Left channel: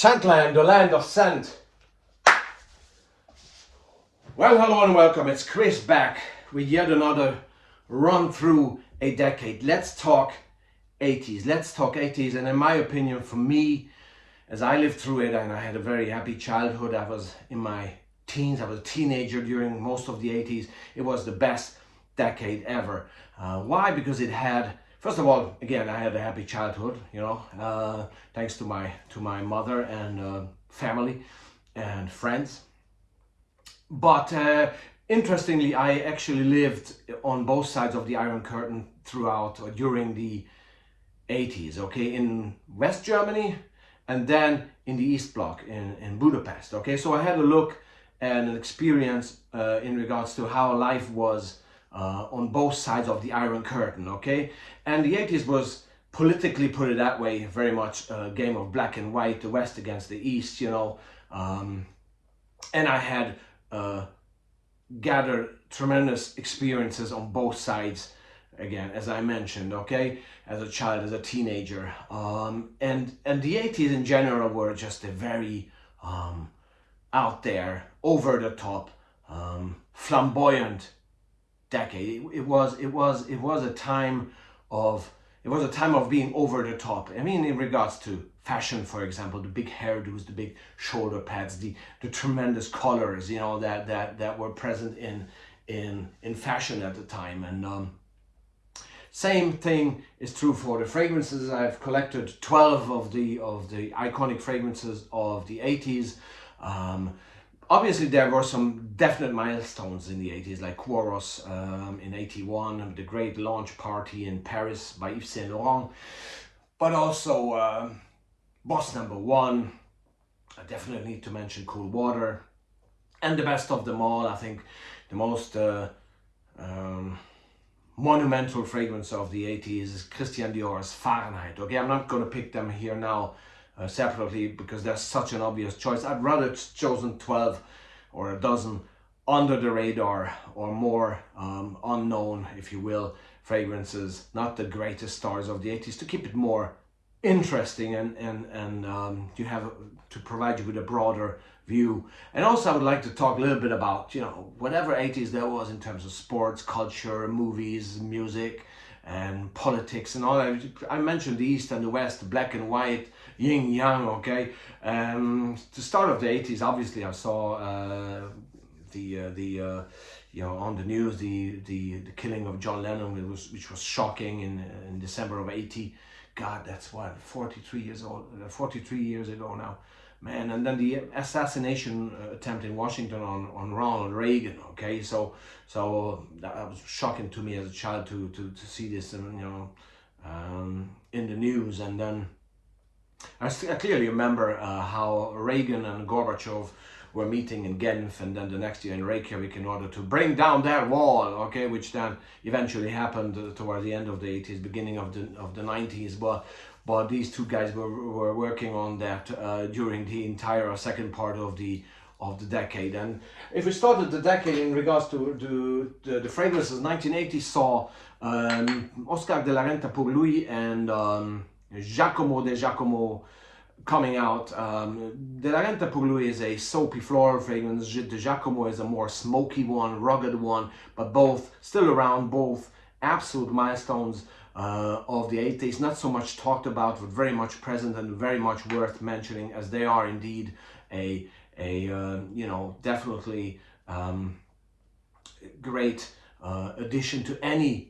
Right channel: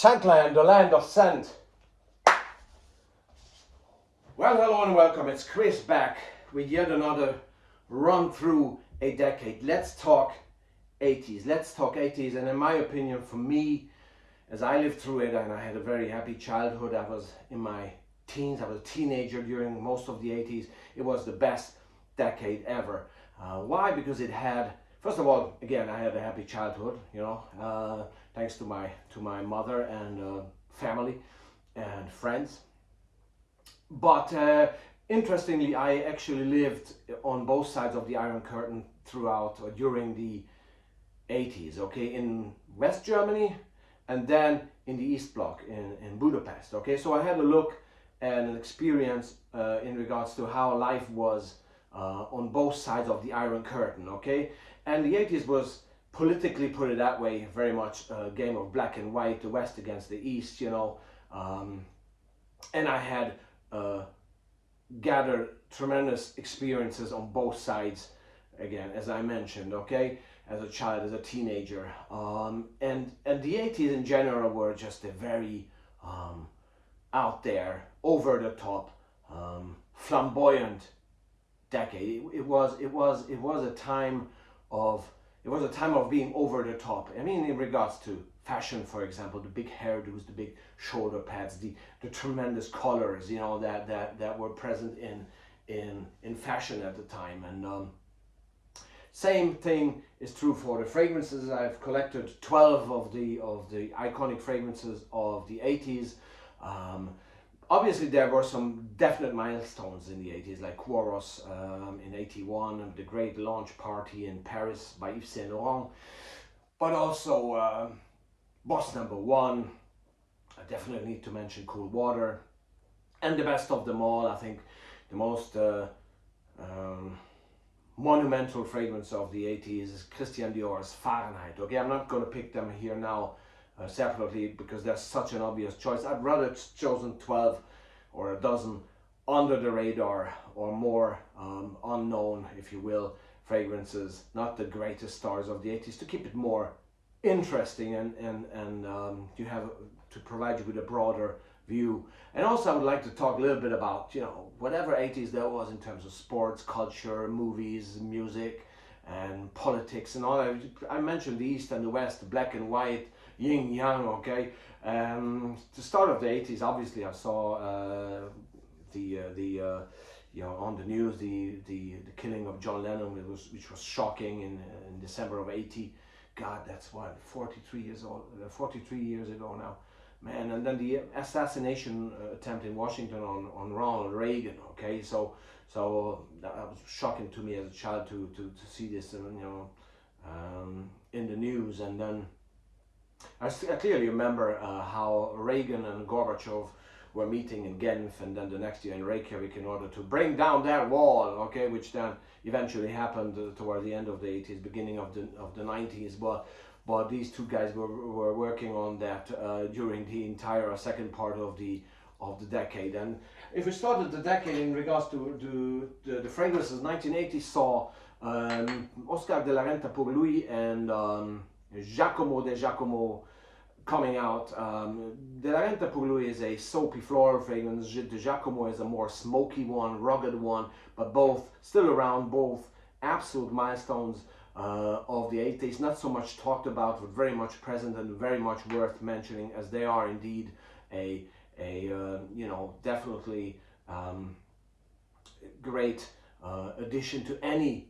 Scentland, the land of scent. Well, hello and welcome. It's Chris back with yet another run through a decade. Let's talk 80s. Let's talk 80s. And in my opinion, for me, as I lived through it and I had a very happy childhood, I was in my teens, I was a teenager during most of the 80s. It was the best decade ever. Why? Because it had, first of all, again, I had a happy childhood, thanks to my mother and family and friends. But interestingly, I actually lived on both sides of the Iron Curtain throughout or during the 80s, okay, in West Germany and then in the East Bloc in Budapest, okay. So I had a look and an experience in regards to how life was on both sides of the Iron Curtain, okay. And the 80s was, politically, put it that way, very much a game of black and white, the West against the East, and I had gathered tremendous experiences on both sides, again, as I mentioned, okay, as a child, as a teenager, and the 80s in general were just a very out there, over the top, flamboyant decade. It was a time of being over the top. I mean, in regards to fashion, for example, the big hairdos, the big shoulder pads, the tremendous colors, that were present in fashion at the time. And same thing is true for the fragrances. I've collected 12 of the iconic fragrances of the 80s. Obviously, there were some definite milestones in the 80s, like Quaros in 81, the great launch party in Paris by Yves Saint Laurent, but also Boss Number One. I definitely need to mention Cool Water, and the best of them all, I think the most monumental fragrance of the 80s is Christian Dior's Fahrenheit. Okay, I'm not going to pick them here now separately because they're such an obvious choice. I'd rather chosen 12 or a dozen under the radar or more unknown, if you will, fragrances, not the greatest stars of the 80s, to keep it more interesting and you have to provide you with a broader view. And also I would like to talk a little bit about, whatever 80s there was in terms of sports, culture, movies, music, and politics and all that. I mentioned the East and the West, black and white, yin yang, okay. The start of the 80s, obviously I saw on the news the killing of John Lennon, which was shocking in December of 80. God, that's what, 43 years ago now, man. And then the assassination attempt in Washington on Ronald Reagan, okay. So that was shocking to me as a child to see this, in the news. And then I clearly remember how Reagan and Gorbachev were meeting in Genf, and then the next year in Reykjavik, in order to bring down that wall, okay, which then eventually happened toward the end of the 80s, beginning of the 90s. But these two guys were working on that during the entire second part of the decade. And if we started the decade in regards to the fragrances, 1980 saw Oscar de la Renta pour Lui and Giacomo de Giacomo coming out. De la Renta pour Lui is a soapy floral fragrance. De Giacomo is a more smoky one, rugged one, but both still around, both absolute milestones of the 80s. Not so much talked about, but very much present and very much worth mentioning, as they are indeed a definitely great addition to any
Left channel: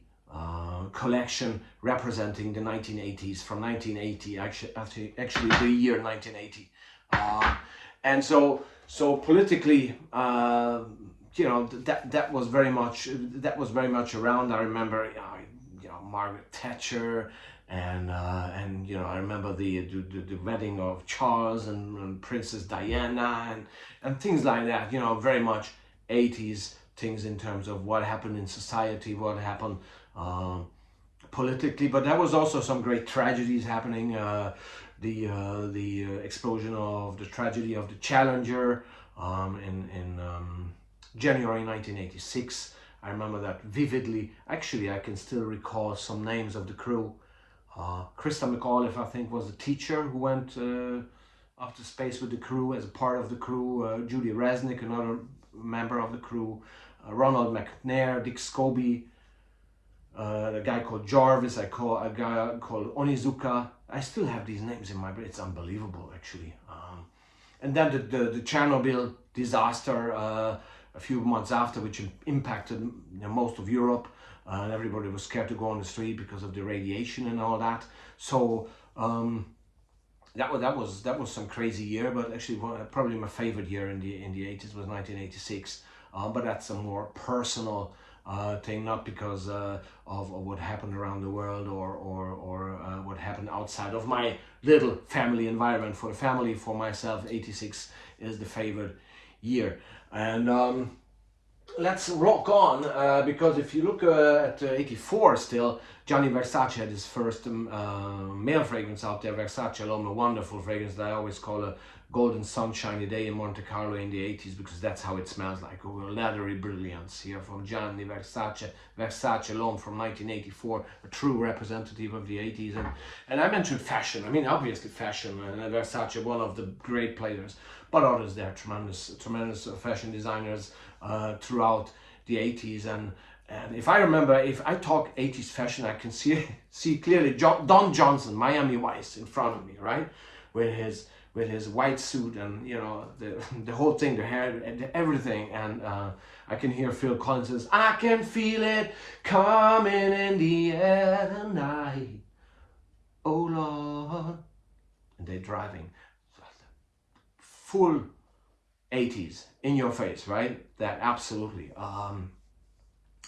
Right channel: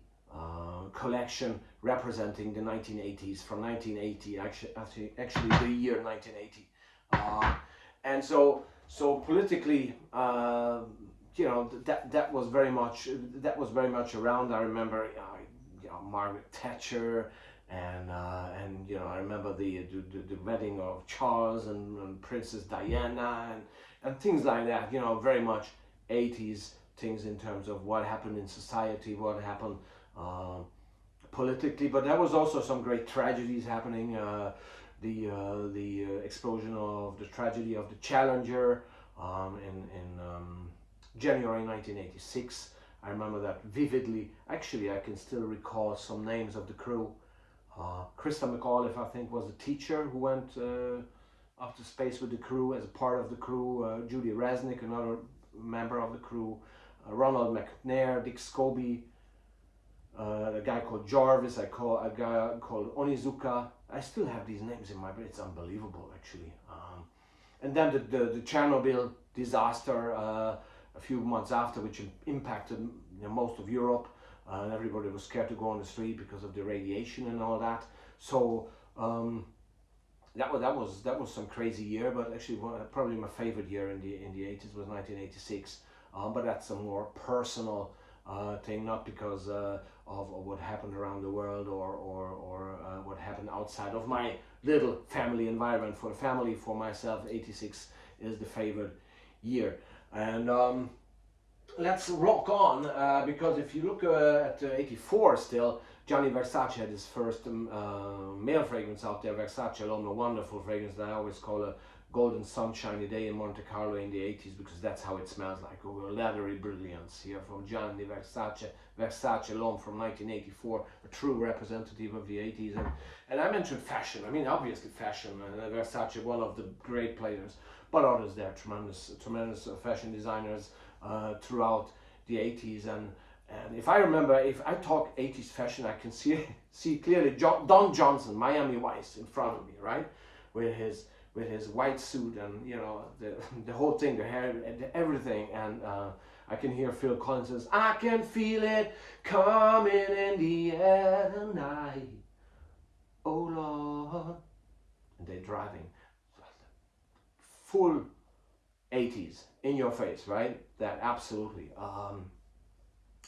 collection representing the 1980s, from 1980, actually the year 1980. And so politically, that was very much around. I remember Margaret Thatcher, and I remember the wedding of Charles and Princess Diana and things like that. Very much 80s things in terms of what happened in society, what happened politically. But there was also some great tragedies happening. The explosion of the tragedy of the Challenger in January 1986. I remember that vividly. Actually, I can still recall some names of the crew. Krista McAuliffe, I think, was the teacher who went up to space with the crew as a part of the crew. Judy Resnick, another member of the crew. Ronald McNair, Dick Scobie, a guy called Jarvis, a guy called Onizuka. I still have these names in my brain. It's unbelievable, actually. And then the Chernobyl disaster a few months after, which impacted most of Europe. Everybody was scared to go on the street because of the radiation and all that. So that was some crazy year. But actually, probably my favorite year in the 80s was 1986. But that's a more personal thing, not because of what happened around the world or what happened outside of my little family environment. For the family, for myself, 86 is the favorite year. And let's rock on, because if you look at 84 still, Gianni Versace had his first male fragrance out there, Versace L'Homme, a wonderful fragrance that I always call a golden sunshiny day in Monte Carlo in the 80s, because that's how it smells like, a leathery brilliance here from Gianni Versace, Versace L'Homme from 1984, a true representative of the 80s. And I mentioned fashion, I mean obviously fashion, and Versace, one of the great players, but others there, tremendous fashion designers throughout the 80s. And if I remember, if I talk 80s fashion, I can see clearly Don Johnson, Miami Vice, in front of me, right, with his white suit and the whole thing, the hair, everything. And I can hear Phil Collins says, "I can feel it coming in the air tonight, oh Lord," and they're driving. Full 80s in your face, right? That absolutely.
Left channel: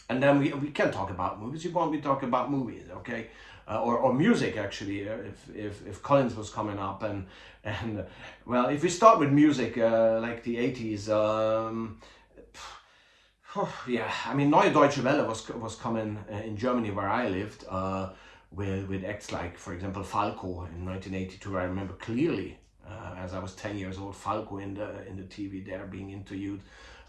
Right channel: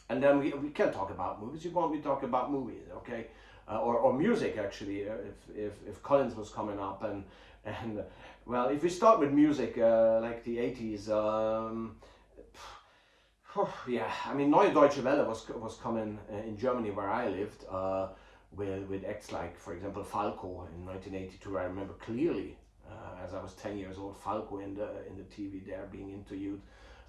And then we can talk about movies. You want me to talk about movies, okay? Or music, actually, if Collins was coming up. And well, if we start with music, like the 80s, yeah, I mean, Neue Deutsche Welle was coming in Germany, where I lived, with acts like, for example, Falco in 1982. I remember clearly, as I was 10 years old, Falco in the TV there being interviewed,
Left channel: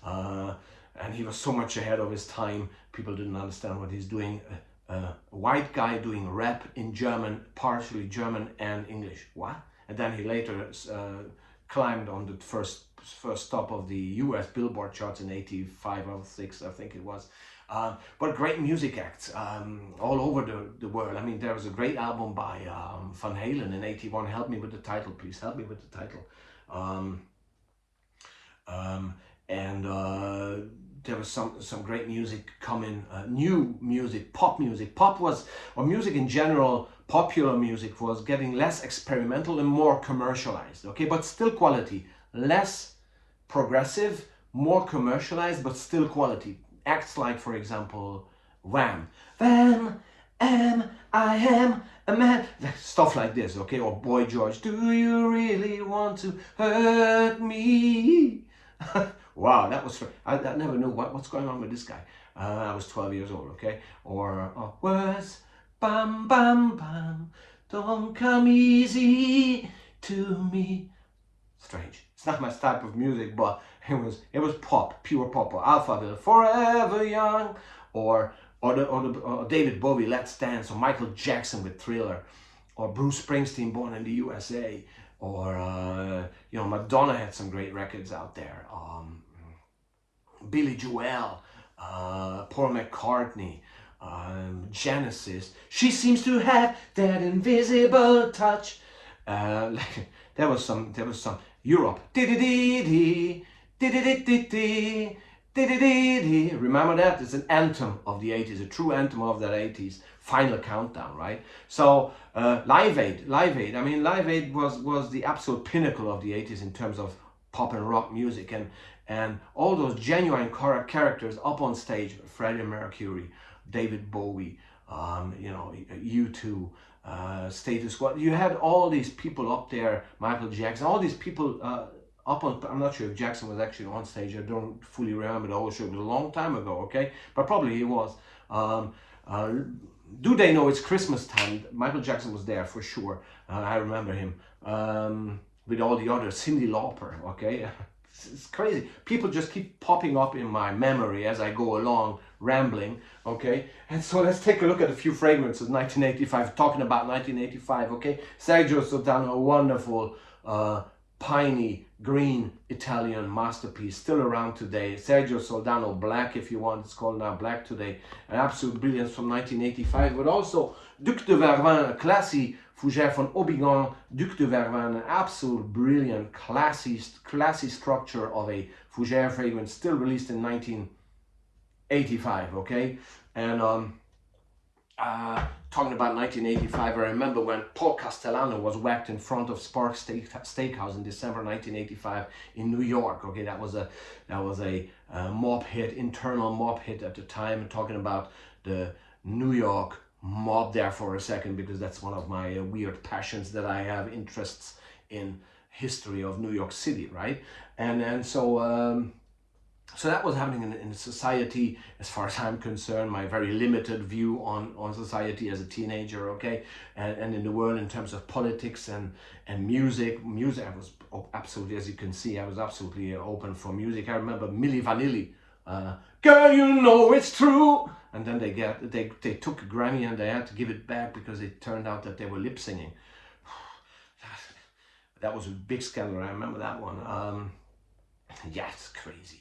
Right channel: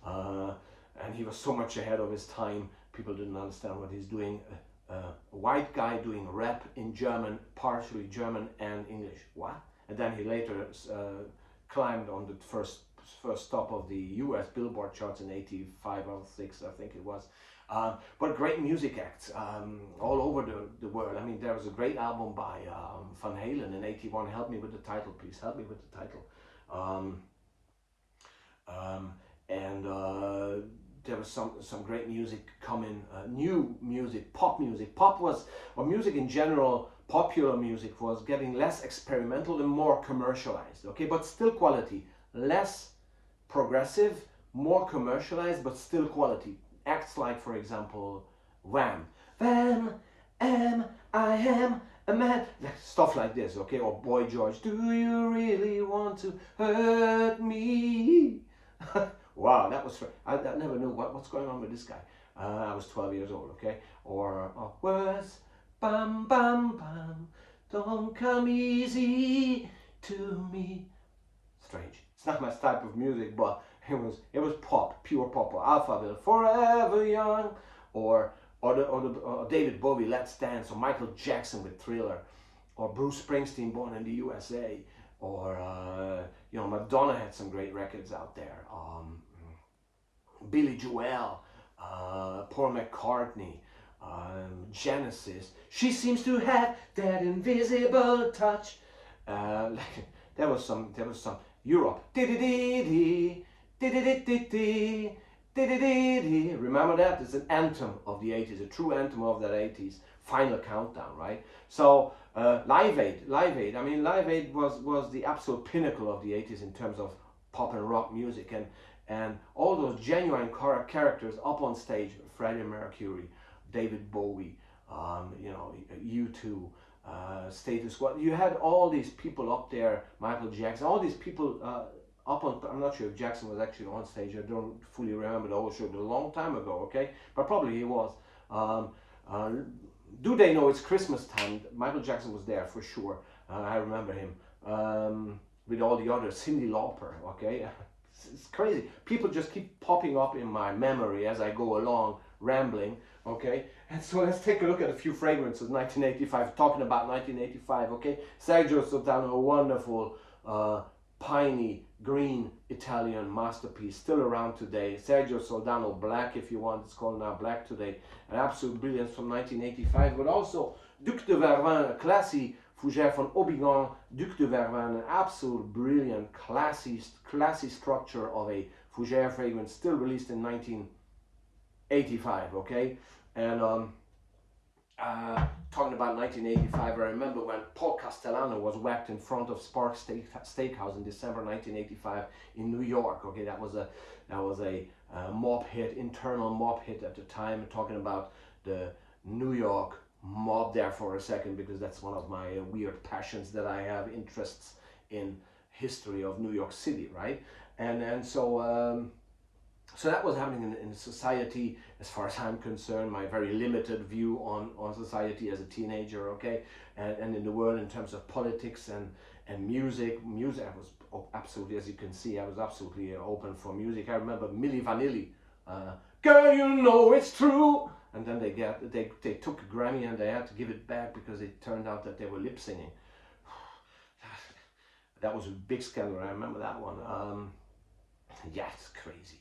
and he was so much ahead of his time. People didn't understand what he's doing. A white guy doing rap in German, partially German and English. What? And then he later climbed on the first stop of the US Billboard charts in 85 or 6, I think it was. But great music acts all over the world. I mean, there was a great album by Van Halen in 81. Help me with the title, please. Help me with the title. There was some great music coming, new music, pop music. Pop was, or music in general, popular music was getting less experimental and more commercialized, okay? But still quality. Less progressive, more commercialized, but still quality. Acts like, for example, Wham! Wham! I am a man. Stuff like this, okay? Or Boy George, do you really want to hurt me? Wow, that was, I never knew what's going on with this guy. I was 12 years old, okay? Or words, bam, bam, bam, don't come easy to me. Strange. It's not my type of music, but it was pop, pure pop. Or Alphaville, Forever Young, or David Bowie, Let's Dance, or Michael Jackson with Thriller, or Bruce Springsteen, Born in the USA, or Madonna had some great records out there. Billy Joel, Paul McCartney, Genesis. She seems to have that invisible touch. There was some Europe. Remember that? It's an anthem of the 80s, a true anthem of the 80s. Final Countdown, right? So Live Aid. I mean, Live Aid was the absolute pinnacle of the 80s in terms of pop and rock music, and all those genuine characters up on stage. Freddie Mercury, David Bowie, U2, Status Quo. You had all these people up there, Michael Jackson, all these people up on, I'm not sure if Jackson was actually on stage, I don't fully remember the whole show, it was a long time ago, okay? But probably he was. Do They Know It's Christmas Time? Michael Jackson was there for sure. I remember him. With all the others, Cyndi Lauper, okay? It's crazy. People just keep popping up in my memory as I go along, rambling, okay? And so let's take a look at a few fragrances, 1985, talking about 1985, okay? Sergio Sotano, a wonderful piney green Italian masterpiece, still around today. Sergio Soldano Black, if you want, it's called now Black today. An absolute brilliance from 1985, but also Duc de Vervins, a classy fougère from Aubigon. Duc de Vervins, an absolute brilliant, classy structure of a fougère fragrance, still released in 1985, okay? And talking about 1985, I remember when Paul Castellano was whacked in front of Sparks Steakhouse in December 1985 in New York. Okay, that was a mob hit, internal mob hit at the time. And talking about the New York mob there for a second, because that's one of my weird passions, that I have interests in history of New York City, right? And so. So that was happening in society, as far as I'm concerned, my very limited view on society as a teenager, okay? And in the world in terms of politics and music, I was absolutely, as you can see, I was absolutely open for music. I remember Milli Vanilli, girl, you know it's true. And then they took a Grammy and they had to give it back because it turned out that they were lip singing. That was a big scandal, I remember that one. Yeah, it's crazy.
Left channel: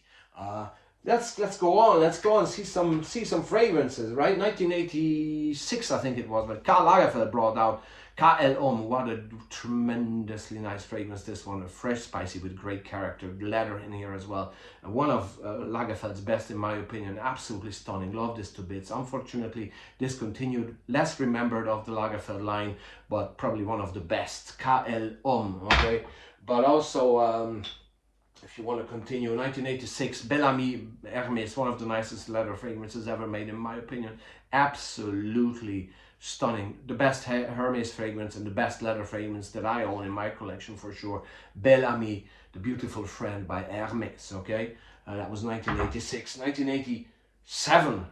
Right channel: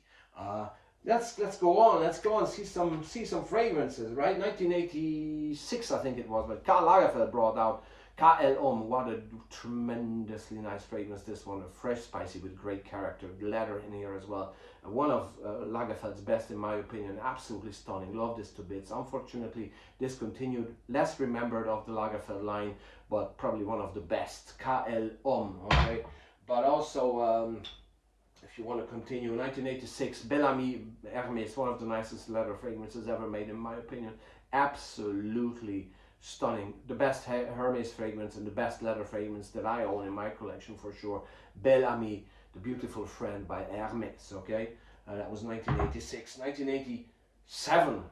Let's go on. Let's go and see some fragrances, right? 1986, I think it was, but Karl Lagerfeld brought out KL Homme. What a tremendously nice fragrance this one. A fresh, spicy with great character, leather in here as well. One of Lagerfeld's best, in my opinion. Absolutely stunning. Love this to bits. Unfortunately, discontinued. Less remembered of the Lagerfeld line, but probably one of the best. KL Homme. Okay, but also. If you want to continue, 1986, Bel Ami Hermès, one of the nicest leather fragrances ever made, in my opinion. Absolutely stunning. The best Hermès fragrance and the best leather fragrance that I own in my collection for sure. Bel Ami, the beautiful friend by Hermès, okay? That was 1986. 1987,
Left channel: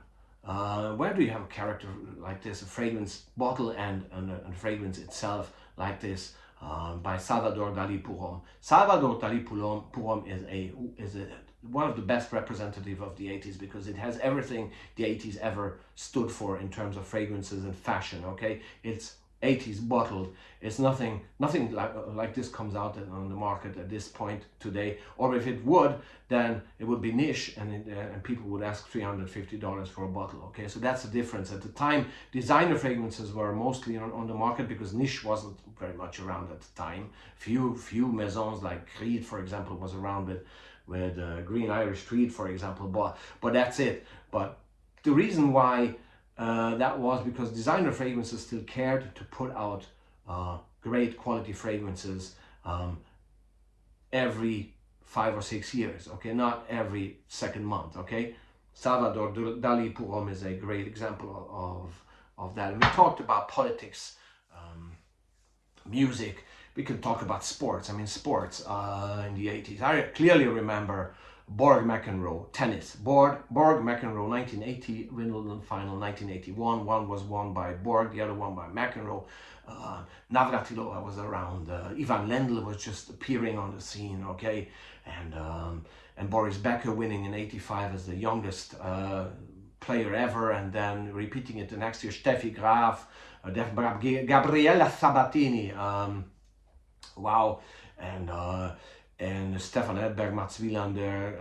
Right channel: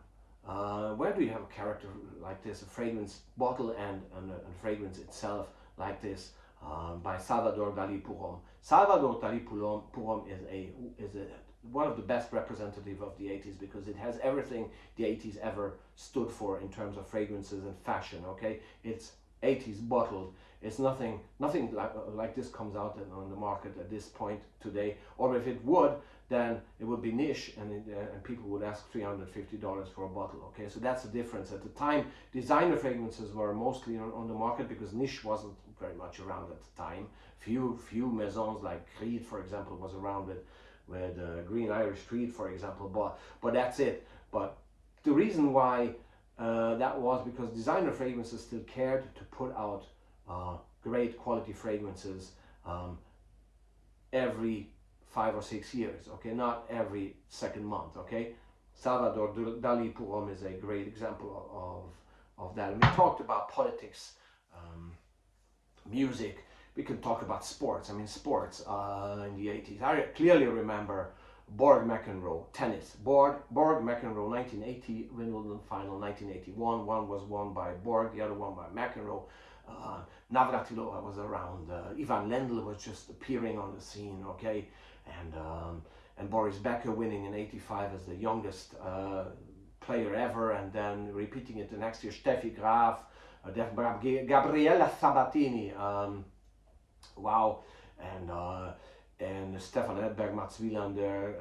where do you have a character like this? A fragrance bottle and a fragrance itself like this? By Salvador Dali pour Homme. Salvador Dali pour Homme is one of the best representative of the 80s, because it has everything the 80s ever stood for in terms of fragrances and fashion. Okay, it's 80s bottled. It's nothing like this comes out on the market at this point today. Or if it would, then it would be niche, and people would ask $350 for a bottle. Okay, so that's the difference. At the time, designer fragrances were mostly on the market because niche wasn't very much around at the time. Few maisons like Creed, for example, was around with Green Irish Tweed, for example. But that's it. But the reason why that was because designer fragrances still cared to put out great quality fragrances every 5 or 6 years, okay, not every second month, okay. Salvador Dali pour Homme is a great example of that. And we talked about politics, music. We can talk about sports. I mean, sports in the 80s. I clearly remember Borg McEnroe, tennis. Borg McEnroe, 1980 Wimbledon final, 1981. One was won by Borg, the other one by McEnroe. Navratilova was around. Ivan Lendl was just appearing on the scene, okay? And Boris Becker winning in 85 as the youngest player ever, and then repeating it the next year. Steffi Graf, Gabriella Sabatini, wow, and Stefan Edberg, Mats Wilander,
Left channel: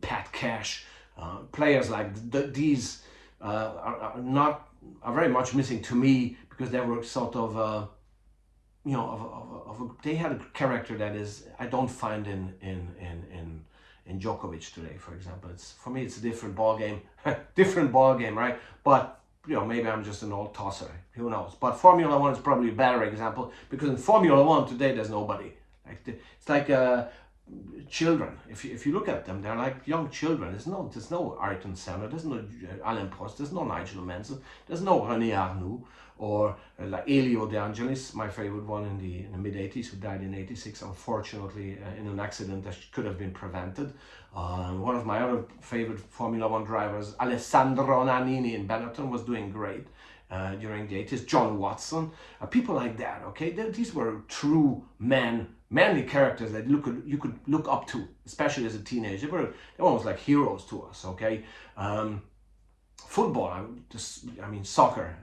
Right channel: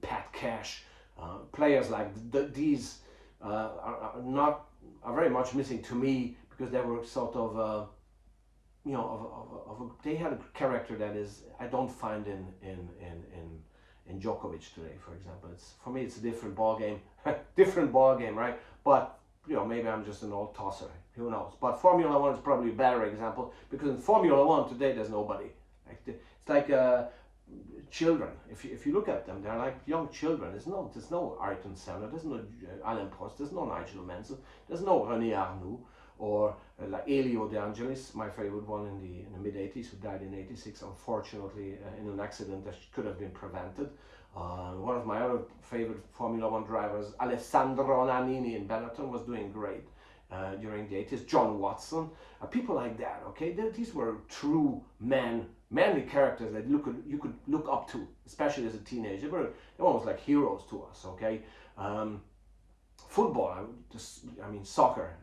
Pat Cash, players like these are very much missing to me, because they were sort of they had a character that is I don't find in Djokovic today, for example. For me it's a different ball game, right? But maybe I'm just an old tosser, who knows. But Formula One is probably a better example, because in Formula One today there's nobody. It's like children. If you look at them, they're like young children. There's no Ayrton Senna, there's no Alain Prost, there's no Nigel Mansell, there's no René Arnoux, or like Elio De Angelis, my favorite one in the mid 80s, who died in 86, unfortunately, in an accident that could have been prevented. One of my other favorite Formula One drivers, Alessandro Nannini in Benetton, was doing great during the 80s. John Watson, people like that. Okay, these were true manly characters that you could look up to, especially as a teenager. They were almost like heroes to us. Okay. Football, I mean soccer,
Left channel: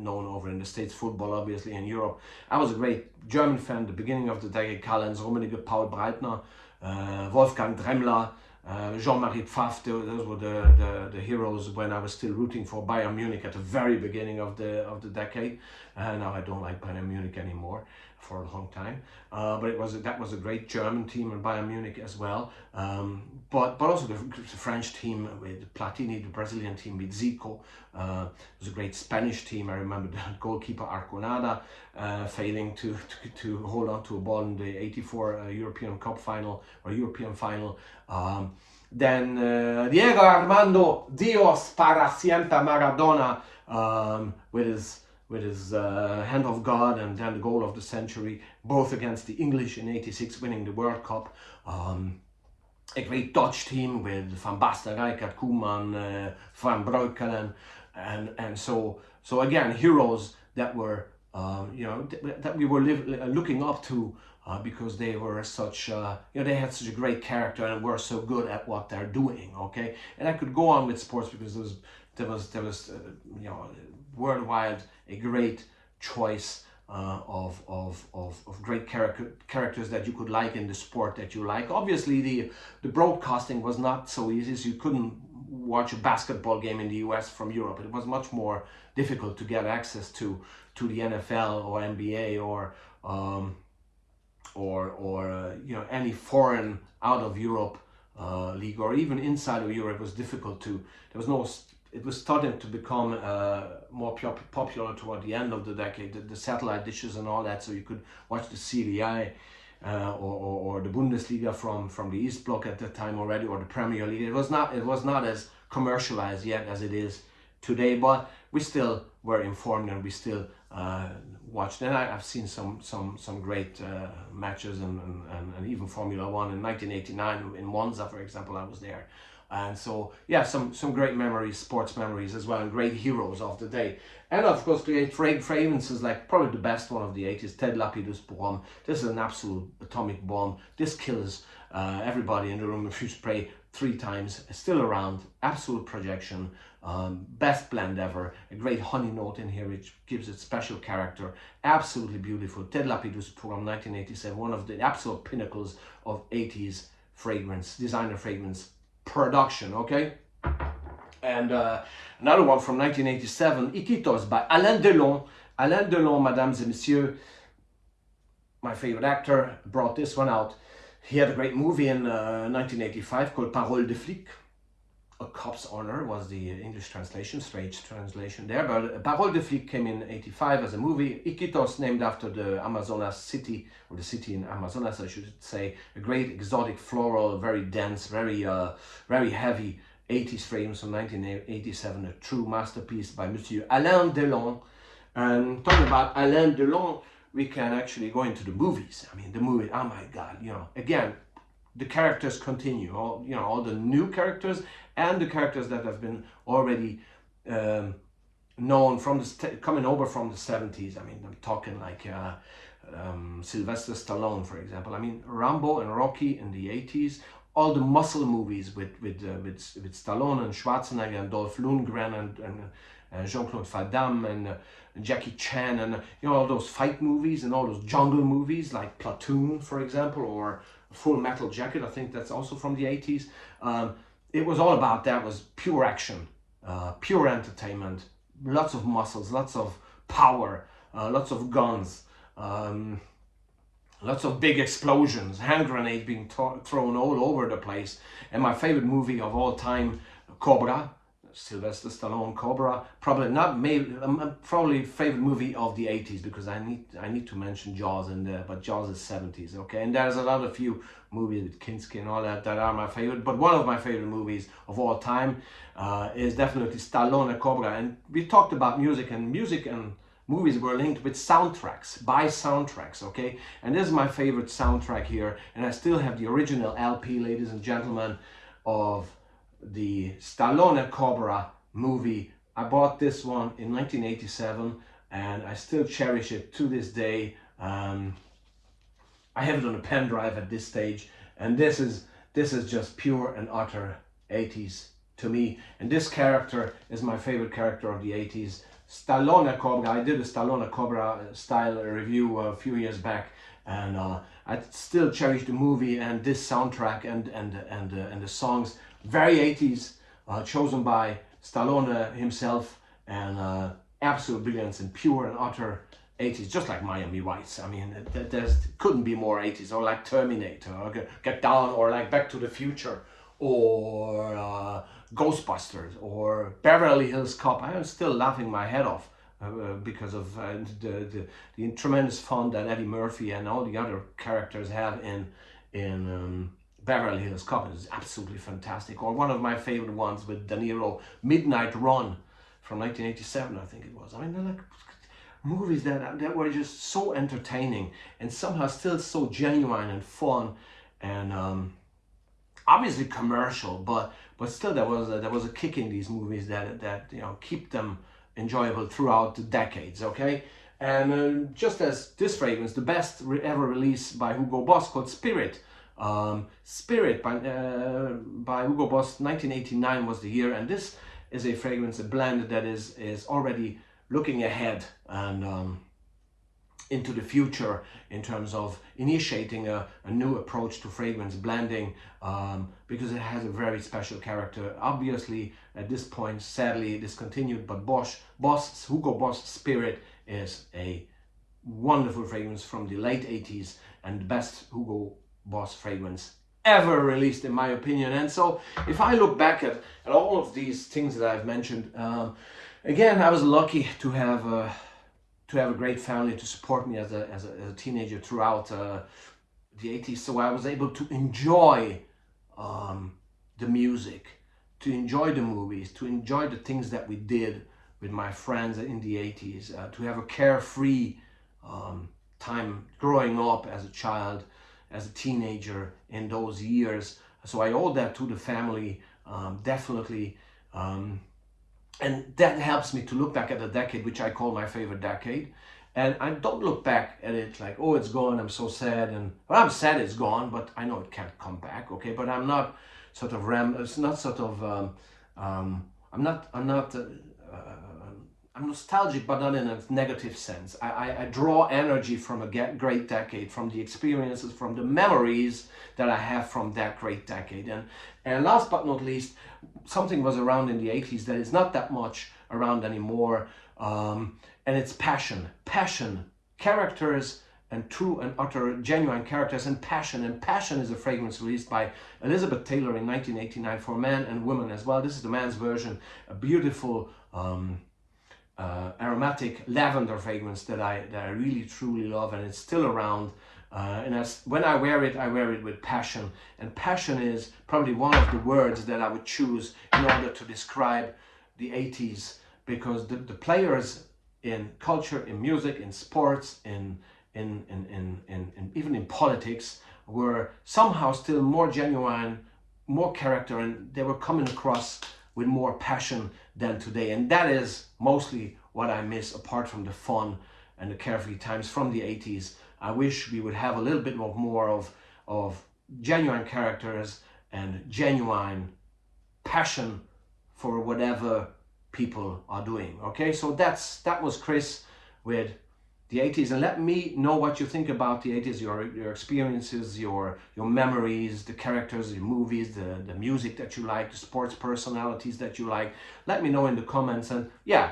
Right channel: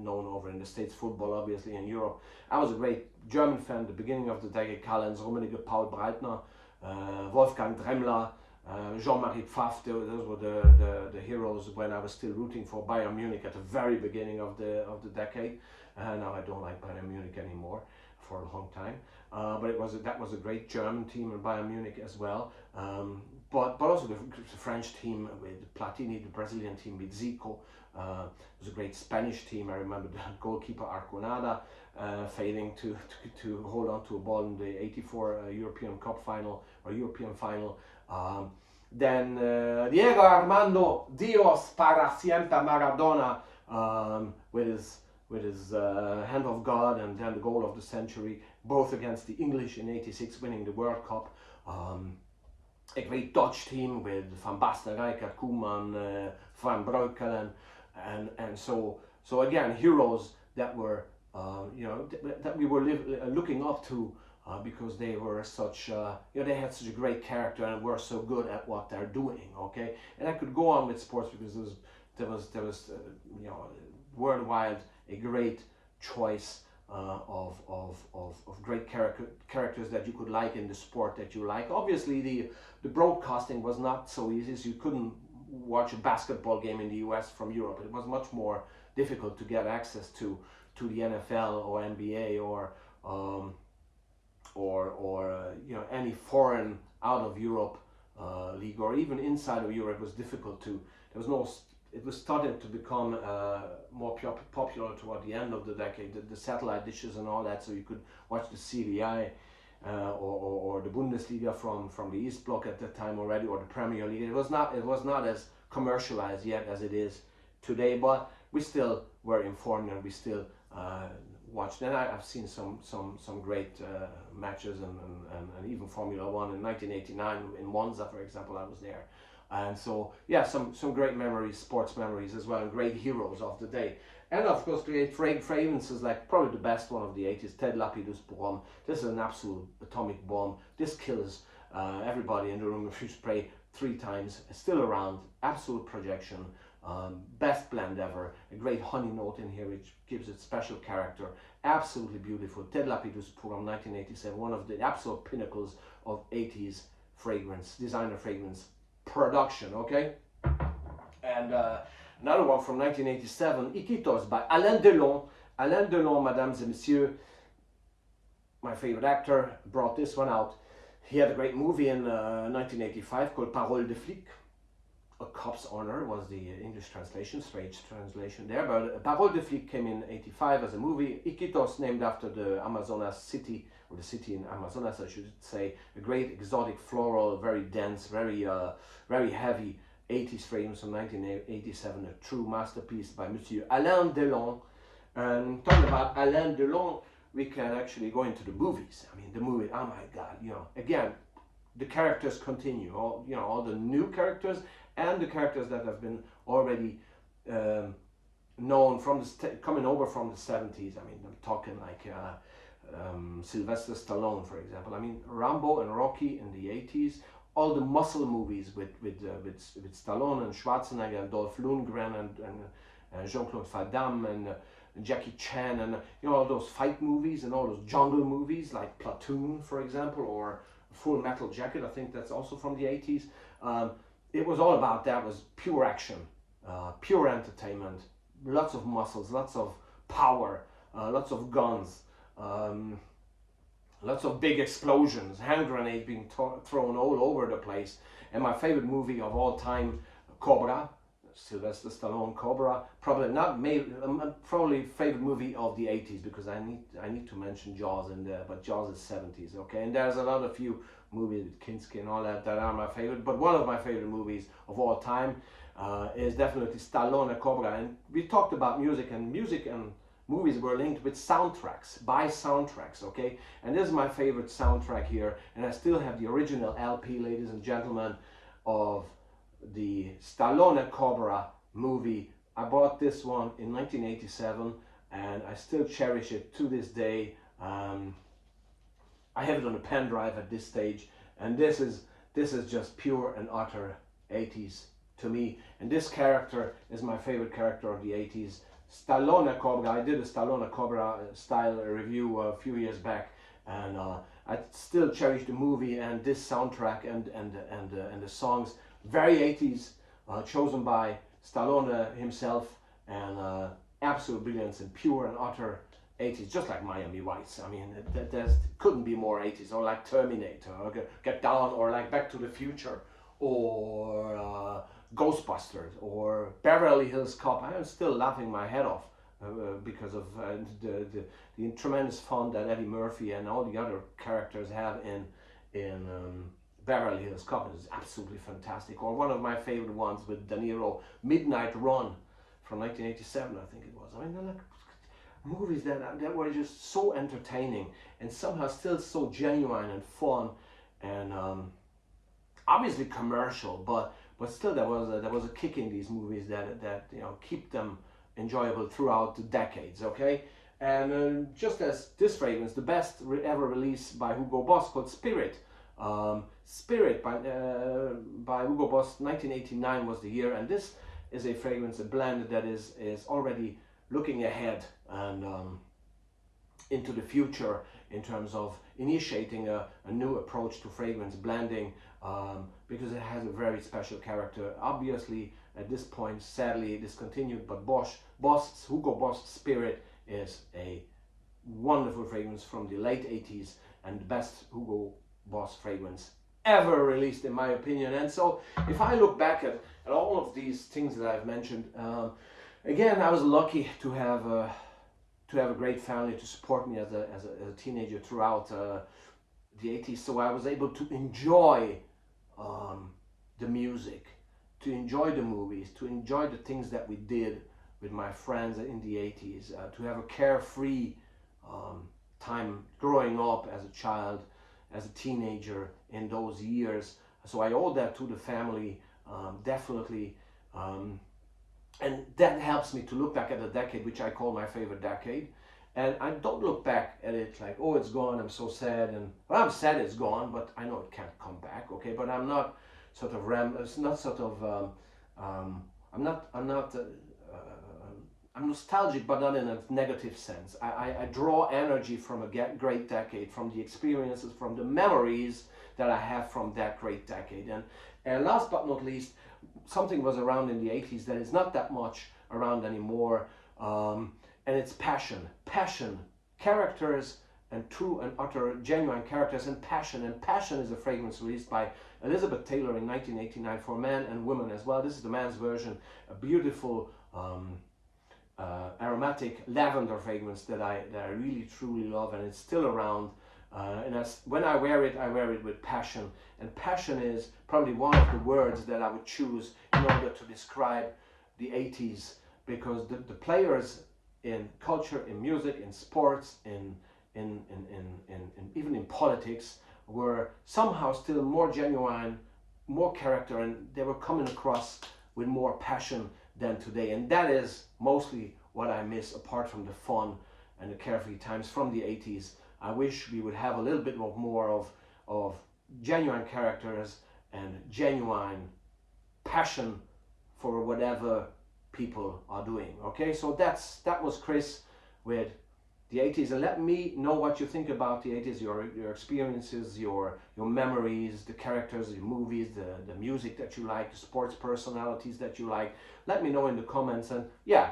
known over in the States, football obviously in Europe. I was a great German fan, the beginning of the decade, Karl-Heinz Rummenigge, Paul Breitner, Wolfgang Dremmler, Jean-Marie Pfaff. Those were the heroes when I was still rooting for Bayern Munich at the very beginning of the decade. Now I don't like Bayern Munich anymore for a long time. But that was a great German team in Bayern Munich as well. But also the French team with Platini, the Brazilian team with Zico. It was a great Spanish team. I remember the goalkeeper Arconada failing to hold on to a ball in the '84 European Cup final or European final. Then Diego Armando Dios para siempre Maradona with his hand of God and then the goal of the century, both against the English in '86, winning the World Cup. A great Dutch team with Van Basten, Rijkaard, Koeman, Van Breukelen, and so again, heroes that were that we were looking up to because they were such they had such a great character and were so good at what they're doing. Okay, and I could go on with sports because there was worldwide a great choice of great characters that you could like in the sport that you like. Obviously, the broadcasting was not so easy, so you couldn't watch a basketball game in the US from Europe. It was much more difficult to get access to the NFL or NBA or any foreign out of Europe league, or even inside of Europe. It was difficult to. It was starting to become more popular toward the end of the decade, the satellite dishes and all that, so you could watch the CDI or the Bundesliga from the East Bloc at that time already, or the Premier League. It was not as commercialized yet as it is today, but we still were informed and we still watched. And I've seen some great matches and even Formula One in 1989 in Monza, for example. I was there. And so, yeah, some great memories, sports memories as well, and great heroes of the day. And of course, great fragrances, like probably the best one of the '80s, Ted Lapidus Pour. This is an absolute atomic bomb. This kills everybody in the room if you spray 3 times. It's still around, absolute projection, best blend ever. A great honey note in here, which gives it special character. Absolutely beautiful. Ted Lapidus Pour, 1987, one of the absolute pinnacles of '80s fragrance, designer fragrance production. Okay, and another one from 1987, 80's by Alain Delon. Alain Delon, mesdames et messieurs, my favorite actor, brought this one out. He had a great movie in 1985 called Parole de Flic. A Cop's Honor was the English translation, strange translation there, but Parole de Flic came in '85 as a movie. Iquitos, named after the Amazonas city, or the city in Amazonas, I should say. A great exotic floral, very dense, very heavy 80s frames from 1987, a true masterpiece by Monsieur Alain Delon. And talking about Alain Delon, we can actually go into the movies. I mean, the movie, oh my God, again, the characters continue, all the new characters and the characters that have been already known from coming over from the 70s. I mean, I'm talking like Sylvester Stallone, for example. I mean, Rambo and Rocky in the 80s. All the muscle movies with Stallone and Schwarzenegger and Dolph Lundgren and Jean-Claude Van Damme and Jackie Chan, and all those fight movies and all those jungle movies like Platoon, for example, or Full Metal Jacket. I think that's also from the 80s. It was all about that. It was pure action, pure entertainment, lots of muscles, lots of power, lots of guns, lots of big explosions, hand grenades being thrown all over the place. And my favorite movie of all time, Cobra, Sylvester Stallone, Cobra. Probably favorite movie of the 80s, because I need to mention Jaws in there, but Jaws is 70s, okay? And there's a few movies with Kinski and all that are my favorite, but one of my favorite movies of all time is definitely Stallone, Cobra. And we talked about music and movies were linked with soundtracks, by soundtracks, okay? And this is my favorite soundtrack here, and I still have the original LP, ladies and gentlemen, of the Stallone Cobra movie. I bought this one in 1987 and I still cherish it to this day. I have it on a pen drive at this stage, and this is just pure and utter 80s to me. And this character is my favorite character of the 80s. Stallone Cobra. I did a Stallone Cobra style review a few years back, and I still cherish the movie and this soundtrack and the songs. Very 80s, chosen by Stallone himself, and absolute brilliance and pure and utter 80s, just like Miami Vice. I mean, there couldn't be more 80s, or like Terminator, or Get Down, or like Back to the Future, or Ghostbusters, or Beverly Hills Cop. I am still laughing my head off because of the tremendous fun that Eddie Murphy and all the other characters have in Beverly Hills Cop. It's absolutely fantastic. Or one of my favorite ones with De Niro, Midnight Run from 1987, I think it was. I mean, they're like movies that were just so entertaining and somehow still so genuine and fun, and obviously commercial, but still there was a kick in these movies that you know, keep them enjoyable throughout the decades. Okay, and just as this fragrance, the best ever release by Hugo Boss, called Spirit. Spirit by Hugo Boss, 1989 was the year, and this is a fragrance, a blend that is already looking ahead and into the future in terms of initiating a new approach to fragrance blending, because it has a very special character. Obviously, at this point, sadly discontinued, but Hugo Boss Spirit is a wonderful fragrance from the late 80s and the best Hugo Boss fragrance ever released, in my opinion. And so if I look back at all of these things that I've mentioned, again, I was lucky to have a great family to support me as a teenager throughout the 80s. So I was able to enjoy the music, to enjoy the movies, to enjoy the things that we did with my friends in the 80s, to have a carefree time growing up as a child, as a teenager in those years. So I owe that to the family, definitely. And that helps me to look back at the decade, which I call my favorite decade. And I don't look back at it like, oh, it's gone, I'm so sad. And well, I'm sad it's gone, but I know it can't come back, okay? But I'm not sort of I'm nostalgic, but not in a negative sense. I draw energy from a great decade, from the experiences, from the memories that I have from that great decade. And last but not least, something was around in the 80s that is not that much around anymore, and it's passion, characters, and true and utter genuine characters, and passion. And Passion is a fragrance released by Elizabeth Taylor in 1989 for men and women as well. This is the man's version, a beautiful aromatic lavender fragrance that I really truly love, and it's still around. When I wear it with passion. And passion is probably one of the words that I would choose in order to describe the 80s, because the players in culture, in music, in sports, in even in politics were somehow still more genuine, more character, and they were coming across with more passion than today. And that is mostly what I miss, apart from the fun and the carefree times from the 80s. I wish we would have a little bit more of genuine characters and genuine passion for whatever people are doing. Okay, so that was Chris with the 80s, and let me know what you think about the 80s, your experiences, your memories, the characters, the movies, the music that you like, the sports personalities that you like. Let me know in the comments, and yeah,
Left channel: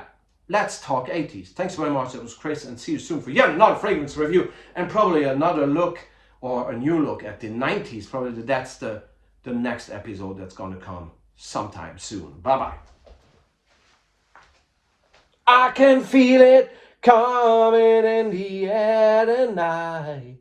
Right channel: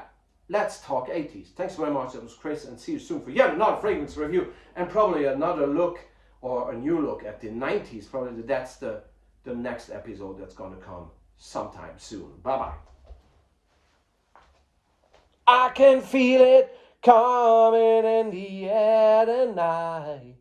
let's talk 80s. Thanks very much. That was Chris, and see you soon for yet another fragrance review, and probably another look, or a new look at the 90s. Probably that's the next episode that's going to come sometime soon. Bye bye. I can feel it coming in the air tonight.